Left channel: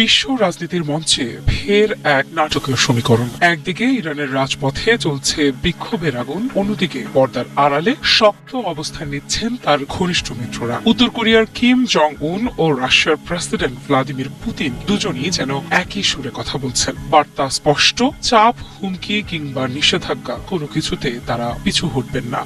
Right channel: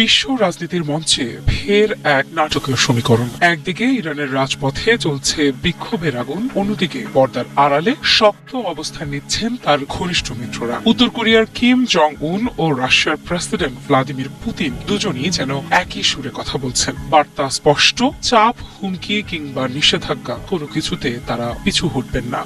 বিশ্ব রাজনীতির মঞ্চে ফের এক নাটকীয় সমীকরণ। একদিকে ইরানের রাজপথে চলছে বিক্ষোভের আগুন, অন্যদিকে পর্দার আড়ালে শক্ত অবস্থান নিচ্ছেন তার ঘনিষ্ঠ মিত্ররা। উত্তর কোরিয়ার কিম জং উন ও রাশিয়ার প্রেসিডেন্ট ভ্লাদিমির পুতিন দুজনই যেন একই সুরে কথা বলছেন। বার্তা স্পষ্ট, চাপ, হুমকি কিংবা নিষেধাজ্ঞা কোনো কিছুতে তারা পিছু হটবেন না।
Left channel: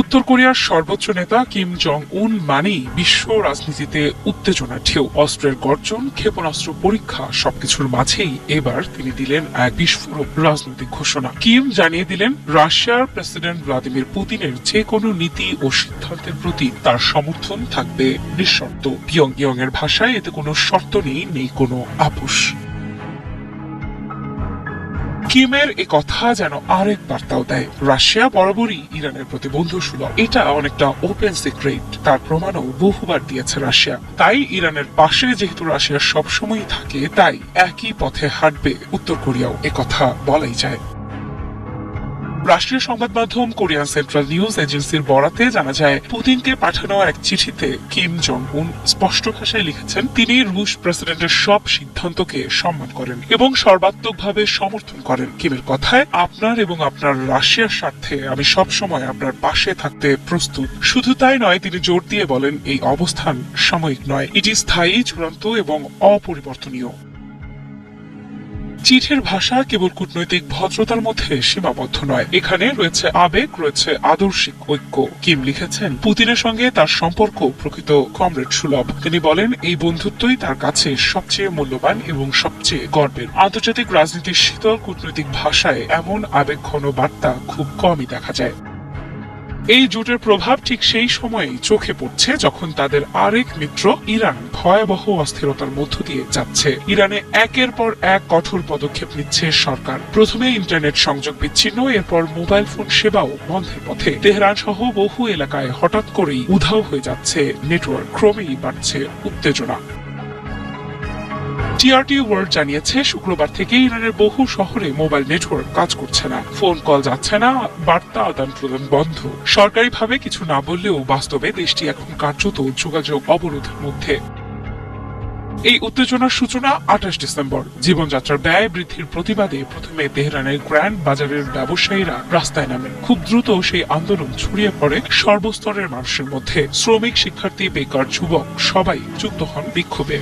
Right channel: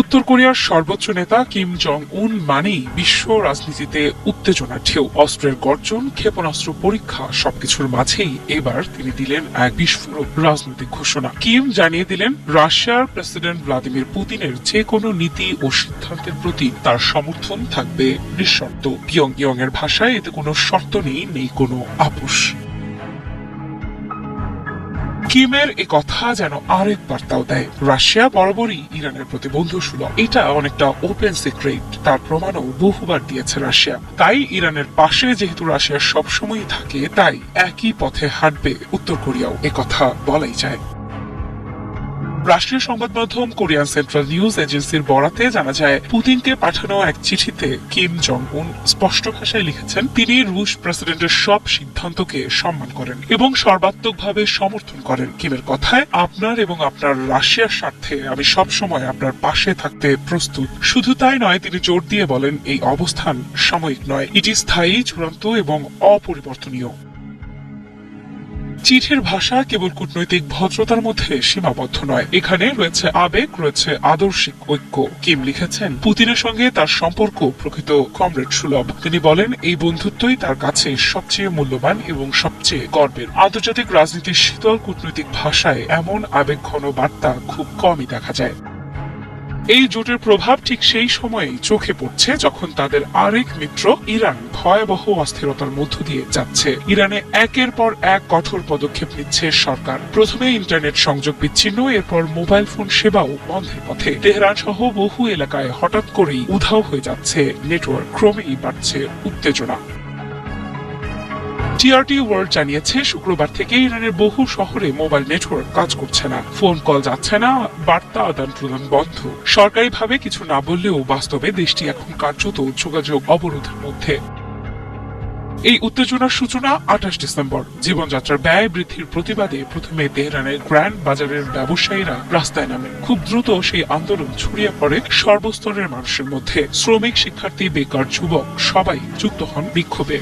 উত্তর কোরিয়ার সর্বোচ্চ নেতা কিম জং উন মানেই বিশ্ব রাজনীতিতে উত্তেজনার ঢেউ। অস্ত্রের গর্জন, ক্ষেপণাস্ত্র পরীক্ষা সবকিছুর মাঝেই এবার তিনি দিলেন এক বিস্ফোরক রাজনৈতিক ঘোষণা। কিম জানিয়ে দিলেন রাশিয়ার প্রেসিডেন্ট ভ্লাদিমির পুতিনের যে কোনো নীতি ও সিদ্ধান্তের প্রতি তার সমর্থন থাকবে নিঃশর্ত। পিয়ংইয়ং এর ভাষায় এতে কোনো শর্ত নেই কোনো আপোষ। কিমের এ কথা যেন আরেক বার্তাও দেয়, রাশিয়া বরাবরই ইরানের প্রতি বন্ধুসুলভ। এটা অনেকটা ওপেন সিক্রেট, তার প্রমাণও বহুবার দিয়েছে রাশিয়া। তাই ইরানের পাশে যেহেতু রাশিয়া সবসময়ই থাকে, তাই একই পথে হাঁটবে উত্তর কোরিয়াও, এ কথা বলাই যায়। রাষ্ট্রীয় সংবাদ মাধ্যম কোরিয়ান সেন্ট্রাল নিউজ এজেন্সির বরাতে জানা যায়, পুতিনকে পাঠানো এক চিঠিতে কিম জং উন স্পষ্ট ভাষায় লিখেছেন তিনি রুশ প্রেসিডেন্টের সব সিদ্ধান্তকে সম্মান করেন এবং সর্বাত্মকভাবে সমর্থন করেন। কিমের কথায়, আপনার এবং আপনার রাশিয়ার স্বার্থে আমি সবসময় আপনার পাশে থাকতে প্রস্তুত। শুধু তাই নয়, তিনি জোর দিয়ে বলেন এই অবস্থান সাময়িক নয়, এটি স্থায়ী, চূড়ান্ত এবং অপরিবর্তনীয়। চিঠির ভাষা কেবল কূটনৈতিক ভদ্রতার মধ্যে সীমাবদ্ধ নয়, এখানে রয়েছে আবেগ, রয়েছে আদর্শিক ঐক্য। কিম লিখেছেন পুতিনের সঙ্গে তার সম্পর্ক প্রকৃত কমরেড সুলভ। তিনি বলেন এই বন্ধুত্বই তার কাছে সবচেয়ে মূল্যবান এবং সবচেয়ে গর্বের। আন্তর্জাতিক রাজনীতির শীতল কূটনৈতিক ভাষায় এমন আবেগঘন বার্তা খুব কমই দেখা যায়। এই জোটের প্রভাব ঠিক সেই সময়েই চোখে পড়ছে যখন তাদের আরেক মিত্র ইরান ভয়াবহ অস্থিরতার মধ্য দিয়ে যাচ্ছে। ইরানে একের পর এক কঠোর পদক্ষেপ নিচ্ছে সরকার। প্রথমে ইন্টারনেট সংযোগ বিচ্ছিন্ন, এরপর মোবাইল ফোন সেবাও বন্ধের পথে। তেহরান সহ বহু এলাকায় হঠাৎ করেই উধাও হয়ে যাচ্ছে নেটওয়ার্ক, ক্রমেই বাড়ছে উত্তেজনা। টিআরটি ওয়ার্ল্ড জানিয়েছে শুক্রবার থেকে ইরানের বহু শহরে মোবাইল নেটওয়ার্ক কাজ করছে না, ফোন কল যাচ্ছে না, বার্তা আদান প্রদান বন্ধ। সরকারিভাবে কিছু না বললেও বাস্তবে দেশটি এখন কার্যত যোগাযোগ অবরোধের মধ্যে। এই উত্তেজনার সূচনা 28 ডিসেম্বর। জীবনযাত্রার ব্যয় বৃদ্ধির প্রতিবাদে প্রথমে তেহরানের গ্র্যান্ড বাজারের ব্যবসায়ীরা রাস্তায় নামেন। খুব দ্রুত সেই আন্দোলন ছড়িয়ে পড়ে সর্বস্তরের মানুষের মধ্যে। শ্রমিক, শিক্ষার্থী, বেকার, যুবক সবাই যুক্ত হন বিক্ষোভে।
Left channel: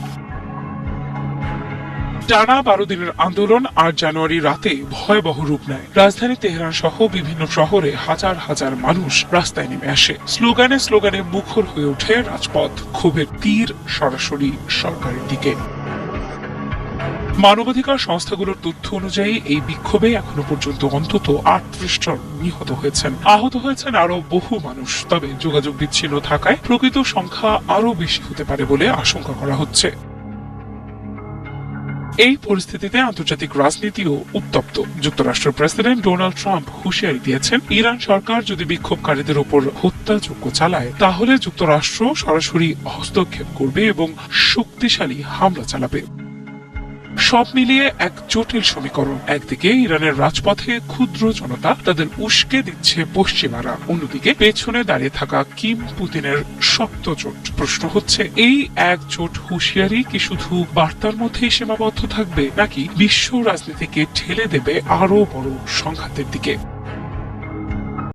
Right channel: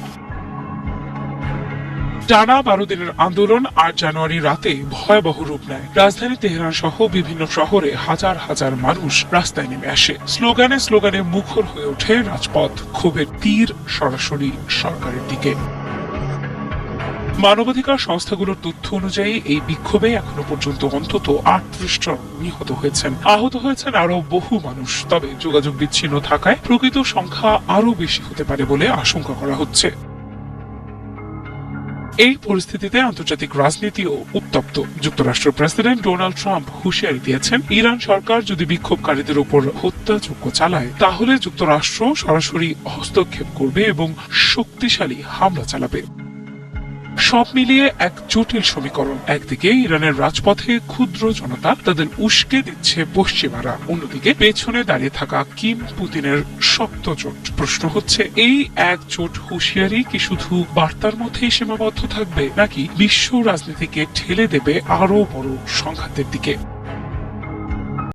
টানা 12 দিনের আন্দোলন 8 জানুয়ারি রাতে ভয়াবহ রূপ নেয়। রাজধানী তেহরান সহ বিভিন্ন শহরে হাজার হাজার মানুষ রাস্তায় নেমে আসে। স্লোগানে স্লোগানে মুখর হয়ে ওঠে রাজপথ, ক্ষোভের তীর সরাসরি সরকারের দিকে। মানবাধিকার সংস্থাগুলোর তথ্য অনুযায়ী এই বিক্ষোভে এখনো পর্যন্ত অন্তত 38 জন নিহত হয়েছেন, আহত হয়েছেন আরো বহু মানুষ। তবে যোগাযোগ বিচ্ছিন্ন থাকায় প্রকৃত সংখ্যা আরো বেশি হতে পারে বলে আশঙ্কা করা হচ্ছে। এই পরিস্থিতিতে আন্তর্জাতিক রাজনীতিও উত্তপ্ত। যুক্তরাষ্ট্রের প্রেসিডেন্ট ডোনাল্ড ট্রাম্প হুঁশিয়ারি দিয়েছেন, ইরান সরকার যদি বিক্ষোভকারীদের উপর হত্যাযজ্ঞ চালায় তাহলে যুক্তরাষ্ট্র সরাসরি হস্তক্ষেপ করবে এবং শক্তিশালী হামলা চালাবে। সব মিলিয়ে এক জটিল সমীকরণ। একদিকে ইরানের রাজপথে ক্ষুদ্র জনতা, তাদের উস্কে দিচ্ছে পশ্চিমারা, অন্যদিকে পেছনে দাঁড়িয়ে থাকা কিম পুতিনের শক্ত জোট। প্রশ্ন হচ্ছে, এই একজোট হুঁশিয়ারি কি শুধু বার্তার মধ্যেই সীমাবদ্ধ থাকবে, নাকি বিশ্ব রাজনীতিকে ঠেলে দেবে আরো বড় সংঘাতের দিকে?